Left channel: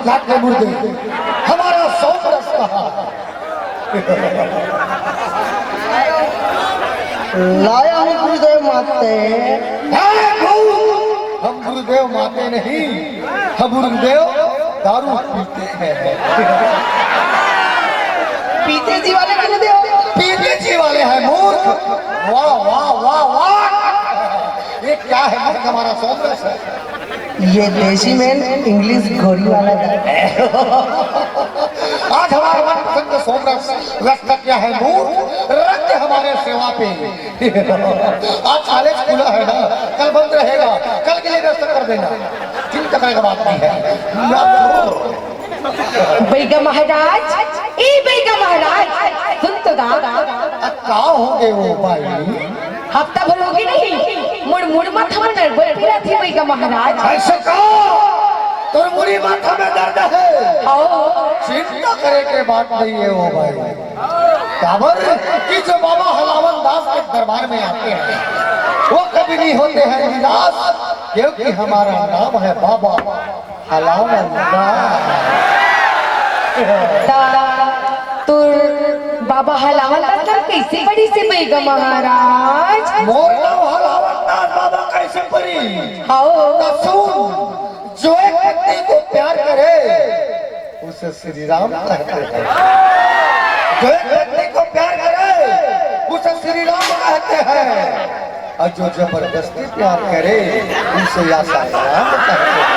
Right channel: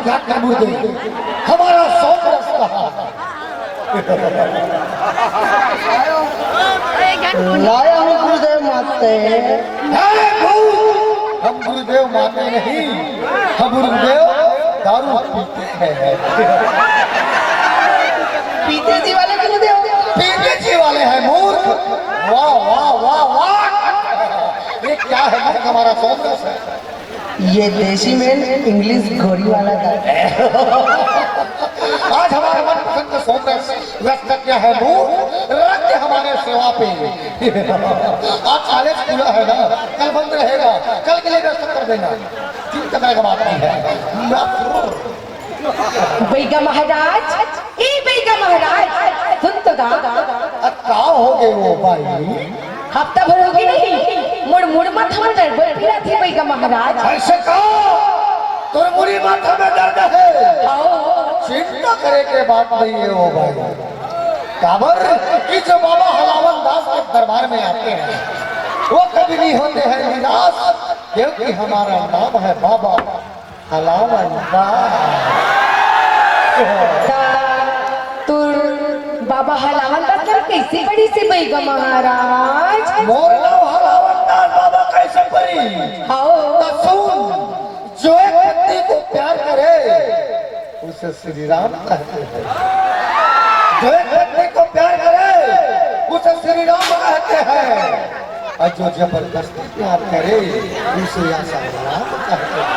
घाट घाट के मुर्दे, हमारा सोमरस कहा। लाया हूँ गुरुदेव माते। हम गुरुदेव माते नहीं, हम गुरुदेव दारू पीते हैं। पीते जी वाले गुरुदेव, पीते जी वाले हैं मूर्ख। वाह वाह वाह वाह, ये क्या है? हमारा सोमरस है। ये देसी में इंग्लिश घोड़ी वाला था। आज हमारे मनपसंद सोमरस व्यस्त क्या है मूर्ख, रख हमारे सेवा पे। आज कॉलेज खुला है ना, कल बंद रहेगा, कल के लिए व्यवस्था कर देना, चिंता करने का बात नहीं है। बैगा महाराज, ए बैगा महाराज, सुन तो क्या हो गए वो भाई? हफ्ता भर होगी नहीं, मुड़ मुड़ माथा में दर्द फिरा थी बैगा महाराज। ऐसे कहो, तो मुड़ी माथा में दर्द है। आओ, चिंता करे के बात नहीं है वो भाई। काबर कि जो बाबा हलावन दास के दरबार में आते हैं, वो कभी नहीं होते हैं निराश, क्योंकि हमारा नाम है बाबा हलावन दास। तो बाबा हलावन का सर कैसे बड़ी से बैगा महाराज? मोर नाम हलावन दास बाबा कैसे पड़ी? आओ, तो सुन, जो एक व्यक्ति को प्यार करे उसे श्री राम कहते हैं। जो एक व्यक्ति को प्यार करे उसे श्री राम कहते हैं, और जो जबरदस्ती प्यार करे उसे आशा राम कहते हैं,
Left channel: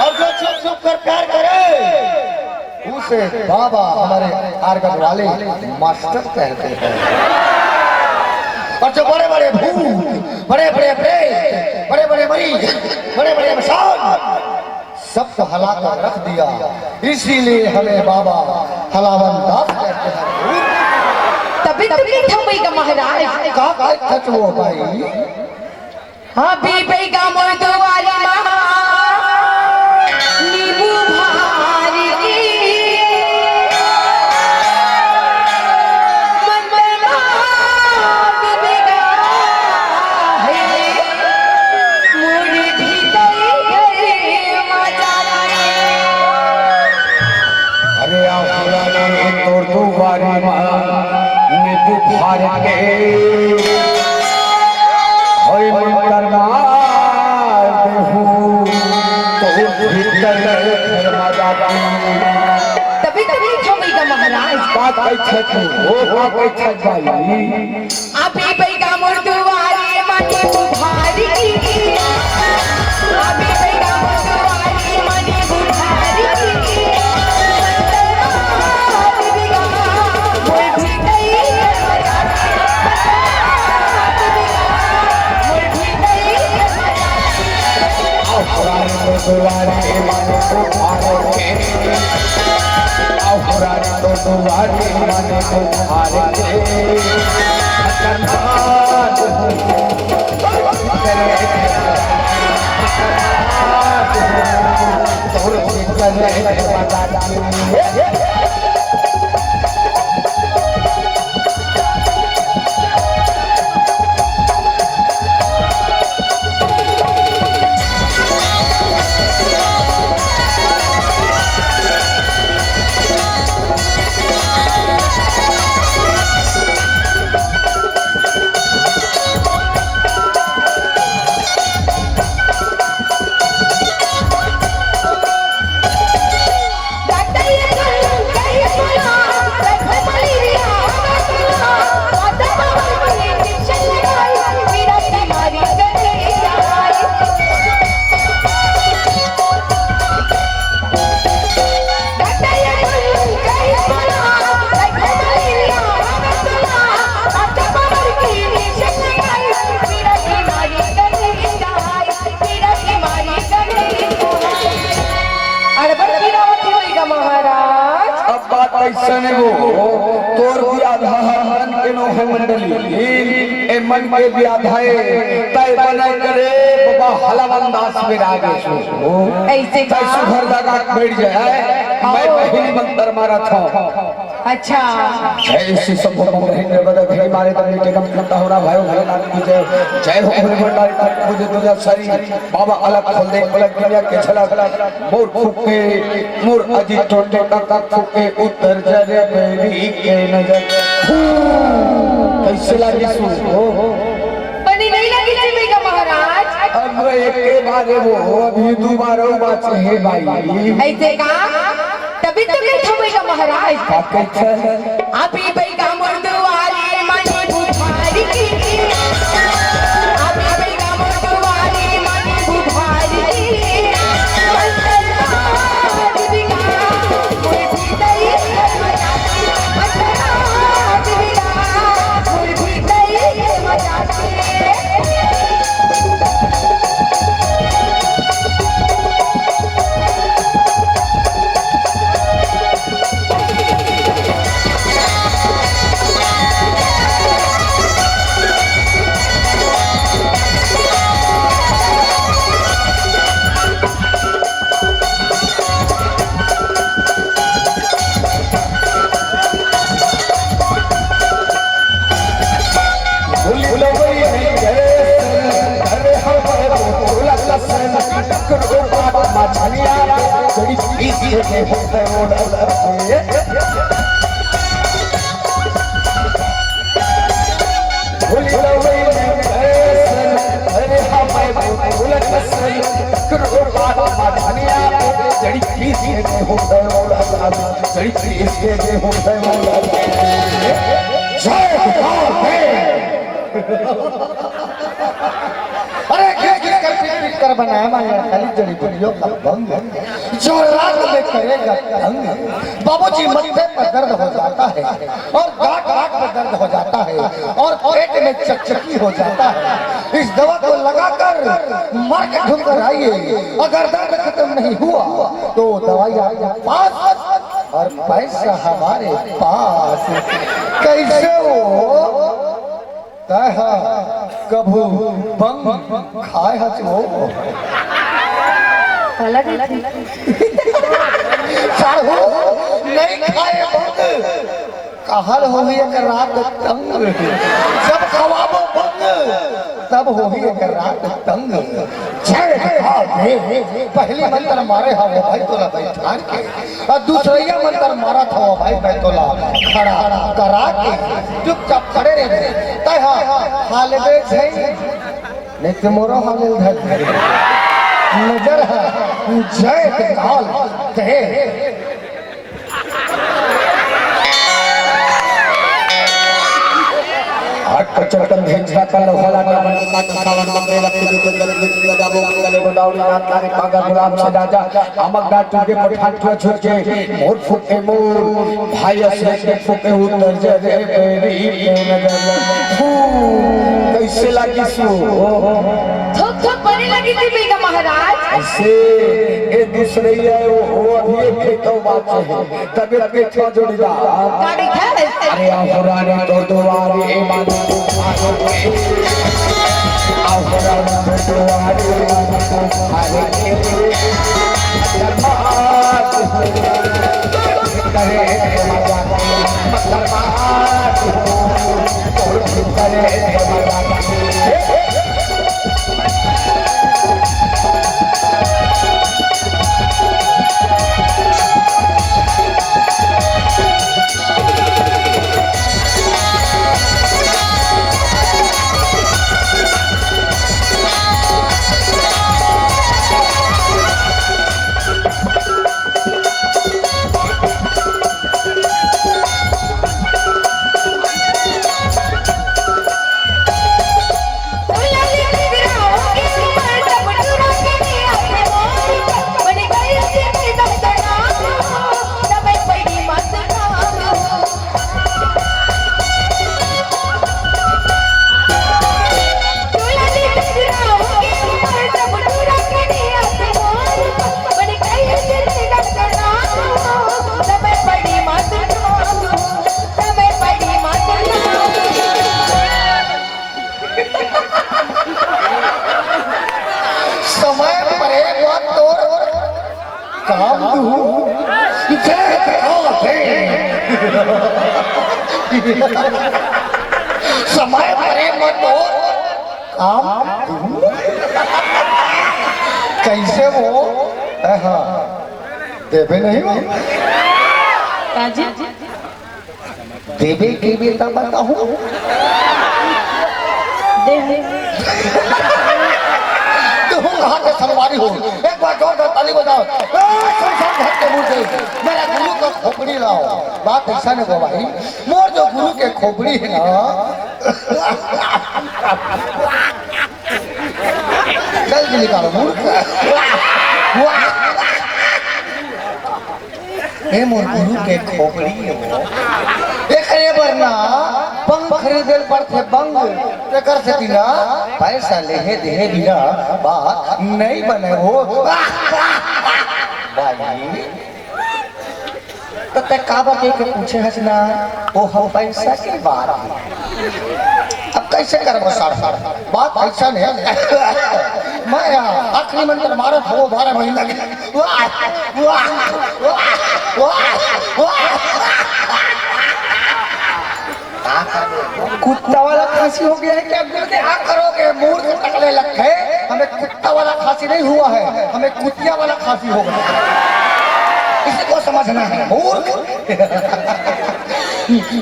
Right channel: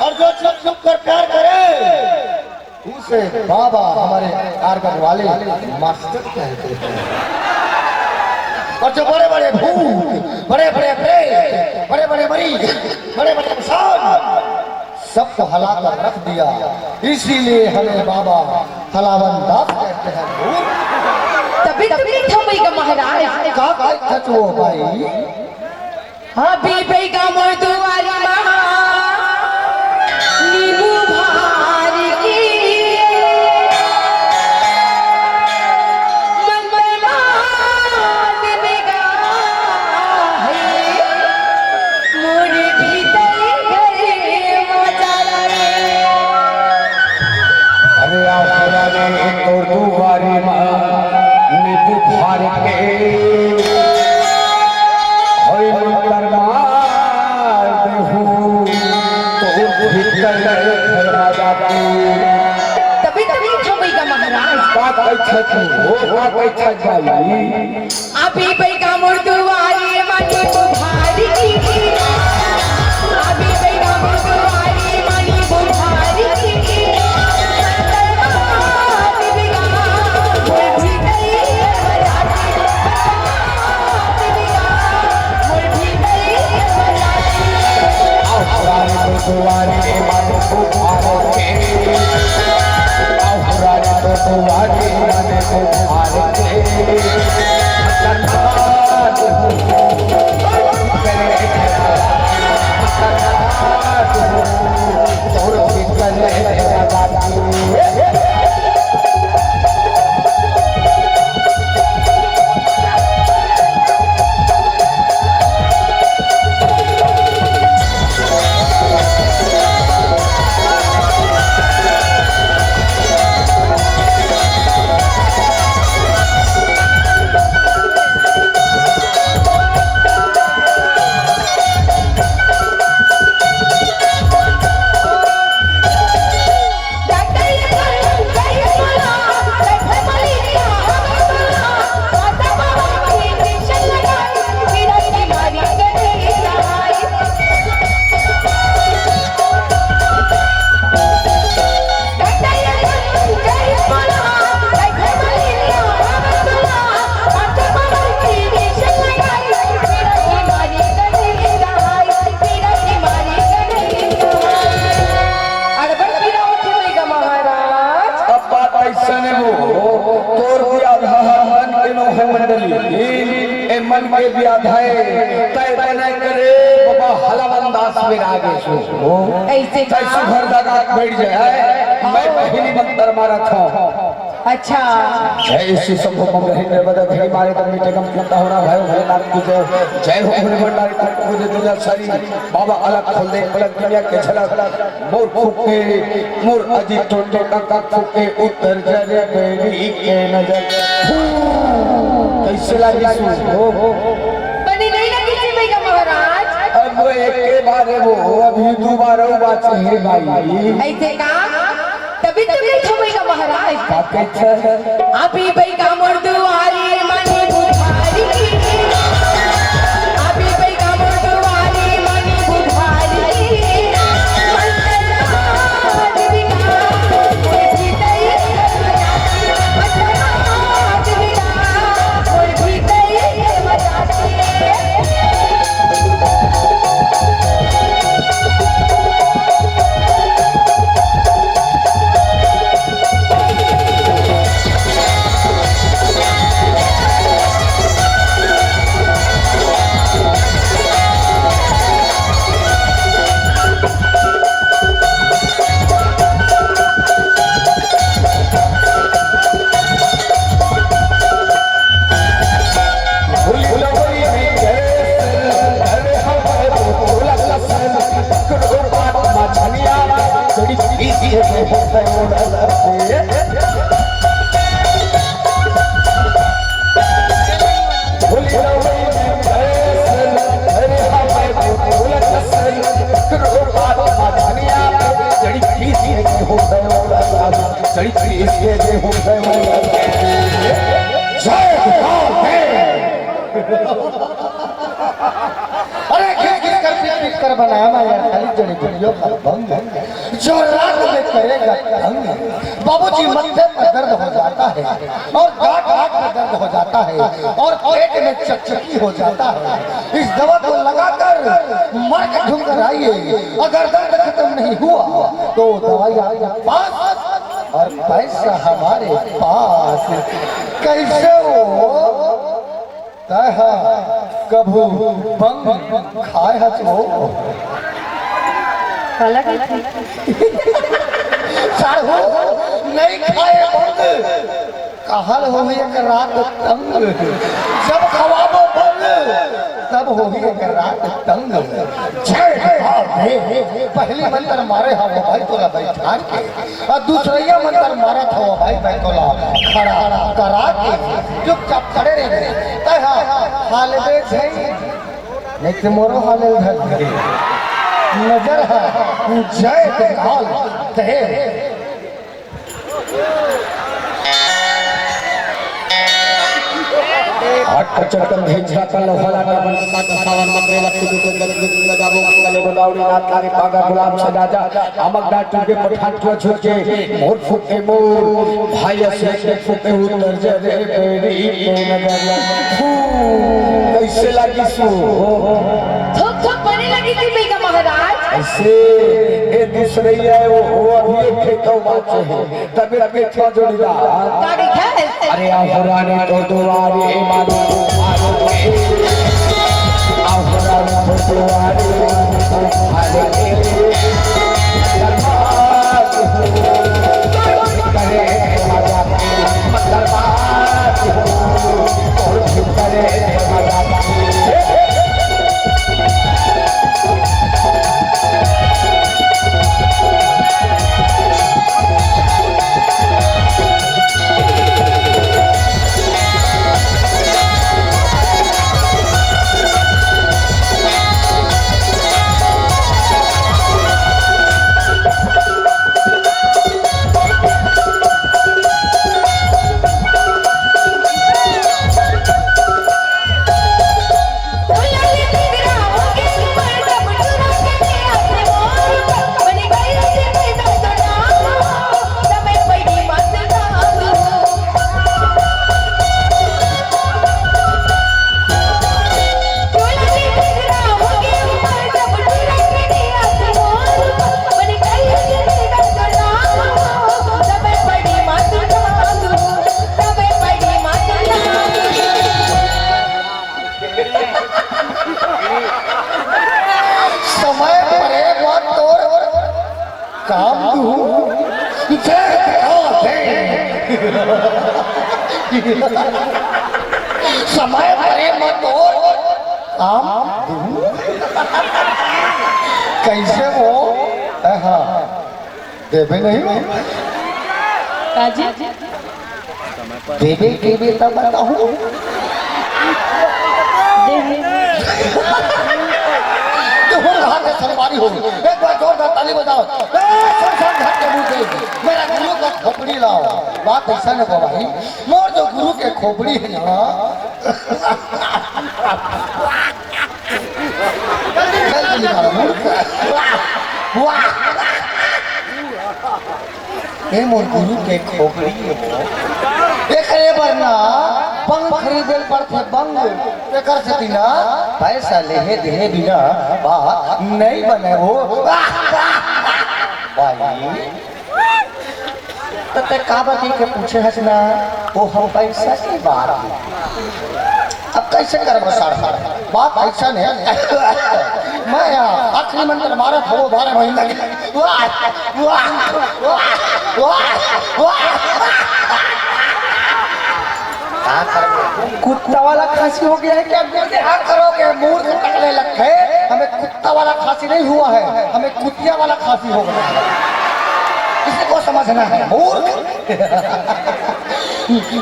और जो चुप चुप कर प्यार करे उसे बाबा हमारे कारगर वाले मास्टर कहते हैं। और जो बड़े बड़े भूत, बड़े बड़े प्रेत, बड़े बड़े मरीज, बड़े बड़े इंसान सबको हला कर रख दिया, इसीलिए हमें बाबा हलावन दास कहते हैं। तभी था बैगा महाराज। का खच वो भाई? हाँ भी बैगा मर्दो वाली माँ, नींबू भार की मन बना के बैगा है, मोर भीतर गए मजा लाए। अरे आपने तो दुबारी माँ नींबू फाड़ के होई मंतर मार देहूं तो भीतर मजा दूं। तभी था बैगा महाराज। बात कैसे थी वो बात कैसे जाई? अभी बैगा मर्दो वाली मानी बुधारी, अभी बैगा मर्दो वाली मानी बुधारी, दुआरे माने को फाड़ के, औरात तो दुआरे माने को फाड़ के, खतरनाक करे खतरनाक और फिर करे मन के व्याधाए तय बना करे बाबा हलावन दास में आगे छो ऐसे सुघर दादा बैठ जाए। मैं पहली मंत्र मारा था अच्छा जय श्री शंभो महेंद्र बद घड़ी मारे तब मीठे कम करता हो रहा भाई भोलेनाथ की जय जय हो भोले भंडारी तारीख मुझे दुनिया सारी बाबा अलग खोल दे अलग दुनिया के झलक मोर फूके मोर अजी टोटे का फूके उतर जरे मेरी के नजर कैसे लगी सु हो बनी नहीं लगी थी बेगा महाराज। अब एक के बारे वो अभी दोबारा बात है भाई ऐसे का तभी तो नहीं थमेगा महाराज। क्या कहता है अभी बेगा मोर दुआरी मनी बुधारी अभी बेगा मोर दुआरी मनी बुधारी अरे किस कर बनाया माया खाली जड़ी बूटियों का भंग जो रात में करेगा तंग। बाबूजी मत्थे पर दर्द हो जाता है और गांठ पर दर्द हो जाता है और पेट में चकचकी हो जाता है। इस दवा को लगाकर मर के ढूंढ कर आइए। अगर दर्द खत्म नहीं हुआ तो दवाई आपके पास और पैसा हमारे पास। कैसे हो कहा कभू बंग खाए हो साढ़ू नहीं खाए बंग कहल हो एक रात तंग। जब खवाबो बंग तब हो एक रात तंग। पहली मंत्र मारे हा वो भाई तोला बैठा के और दूसरा मंत्र मारा था वो भाई तोला खड़ा करा के चुपचाप खड़े रहे। हाल नहीं तो मोरा हाल नजर है जय काल कहे चक्कर भेजा कल होला का बनता का सावन मंगरे लक्ष्मी के गले लगाबो गले गोदावरी नाथ तारे पागा गुलाब से राजा आमक डाटू के पठान के छुके मोर फुके मोर भाई से के फुके उतर जरे बेरी के नगर कैसे लगी सु थोक थोक बनी लगी थी बेगा महाराज। ऐसे ए दूसरे है वो अभी एक खेतो बात है तबीयत के छो जोड़ीदार गाड़ी है अरे आहुरानी तो दुआरे ए मानो आहुरानी तो दुआरे अरे दरबार करे मजा दरबार और करे मजा बोला काम दूं जय दे समय परे मत और काम दूं कैसे वो हाँ देवे नहीं हो देवे देवे तब बताऊं संगवारी हो एक बार जोरदार ताली बजाओ शमशान घाट के मुंह से मेरा गुरु का खोपड़ी लाओ बात ऐसा नहीं हो भाई मोर जो गुरु के खोपड़ी है ना जल्दी निकालो मूर्ख मोर गुरु के खोपड़ी एकरे वरना पंग खरीदे पड़ते बंग एकर से बिना पैसा लेहे देहे बिना बात नहीं बने हो भाई तो ते का बात के पूछे हसना वो हम पैसा की बात अब कैसे करबो सर बात ऐसा नहीं मैं आखिरी मंत्र मारा था वो 12 महीने कुत्ता वाला खांसी हो गया है क्या क्या करोगे मूर्ख कटने लगे हमें कुत्ता वाला खांसी नहीं हुआ है हमें कुतिया वाला खांसी हो गया इसी को समझना है मूर्ख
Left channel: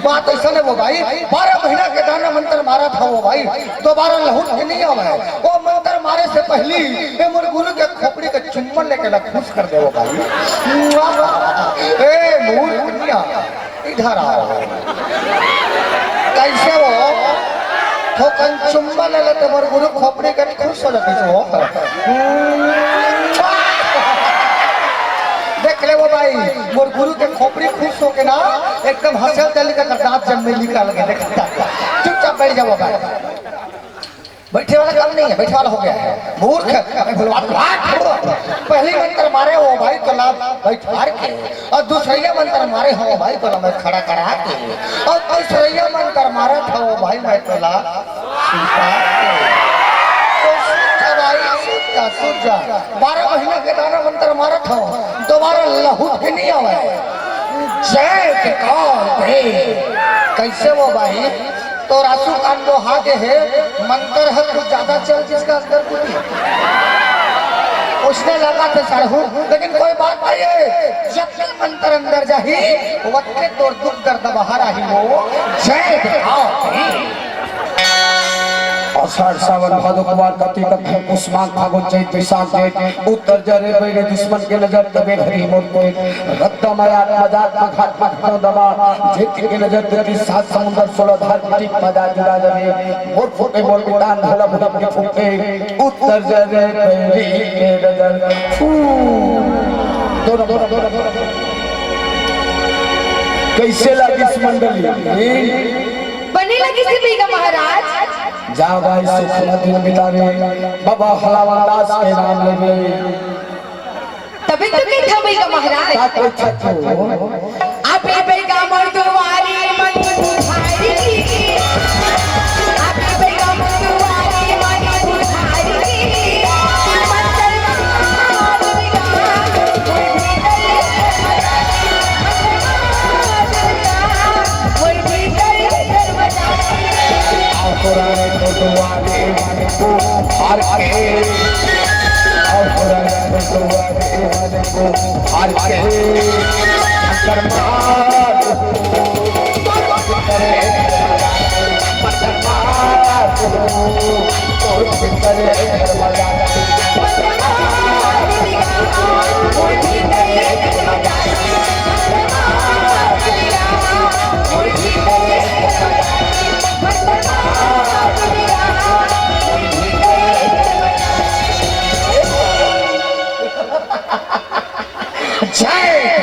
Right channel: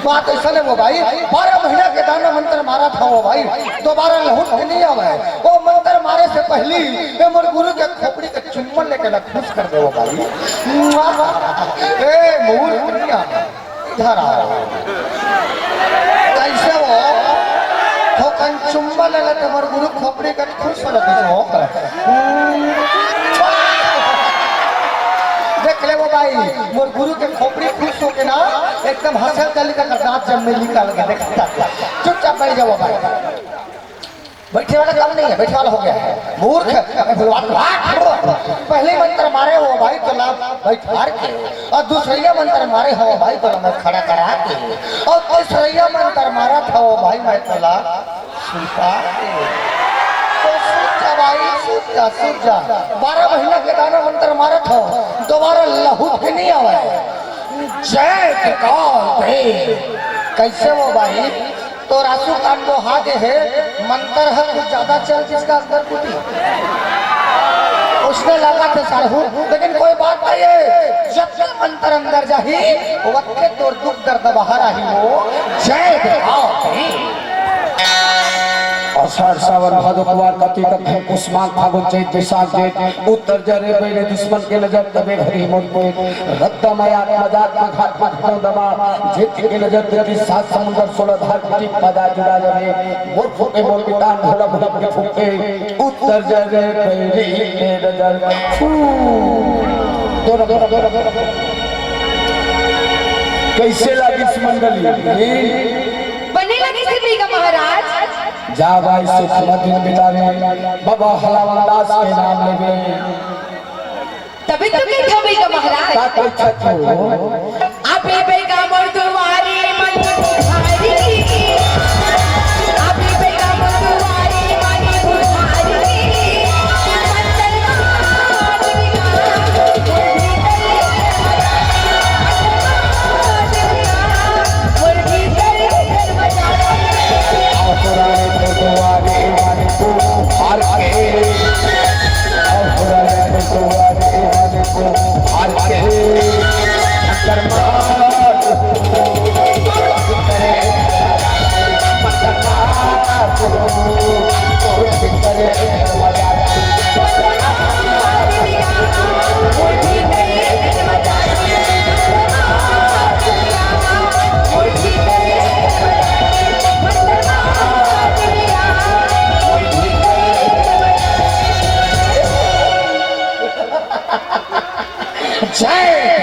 बात ऐसा नहीं वो भाई 12 महीना के दाना मंत्र मारा था वो भाई दोबारा लहूट के नहीं आवा है वो मंत्र मारे से पहले ये मोर गुरु के खोपड़ी के चुम्बन लेके खुश कर दे वो भाई ए मूर्ख इधर आ कैसे हो ठोकन चुम्बन ले लेते मोर गुरु खोपड़ी के खुश हो जाती हो देख ले वो भाई मोर गुरु के खोपड़ी खुश हो के ना एकदम हंसल चली का दांत जब में निकाल के देखता चुपचाप बैठ जाओ भाई बैठे वाला काम नहीं है बैठे वाला हो गया है मूर्ख पहले मंत्र मारे हो भाई तो ना बैठा के और दूसरा मंत्र मारे हो भाई तो मैं खड़ा करा के और तीसरा मंत्र मारा था वो भाई मैं तो ला सीता सूर्या 12 महीने के दाना मंत्र मारा था दोबारा लहू भी नहीं आवा जय कैसे वो भाई तो रासू कान को हाथ है मंत्र है कुछ ज्यादा चल जिसका अंदर कुछ उसने लगा था साढ़ू लेकिन कोई बात नहीं है जब तक मंत्र अंदर जाही वक्त तो दुख दर्द बाहर आही वो जय आषाढ़ सावन भादो कुमार कार्तिक अक्षय पुष्मान फागुन चैत बैसाख जेठ उत्तर जरे बैरे दुश्मन के नजर तबे हरी मोटे रत्ता माया मजाक घाट घाट दबा जेठ के नजर तेरी सात समुंदर 16 धार की मजा जुड़ा जमे मोर फुटे मोर बिटान भला भला के फुटे उत्तर जरे बैरे के नजर दोनों कैसे लगी इस मंडली बने लगी सी बेगा महाराज जा भाई सुख दिन बितावे बाबा हलावन दास के नाम लेवे तभी तो नहीं था बेगा महाराज का कोई छतो आपे बेगा मर्दवारी मन बुझाई आपे बेगा मर्दवारी मन बुझाई जय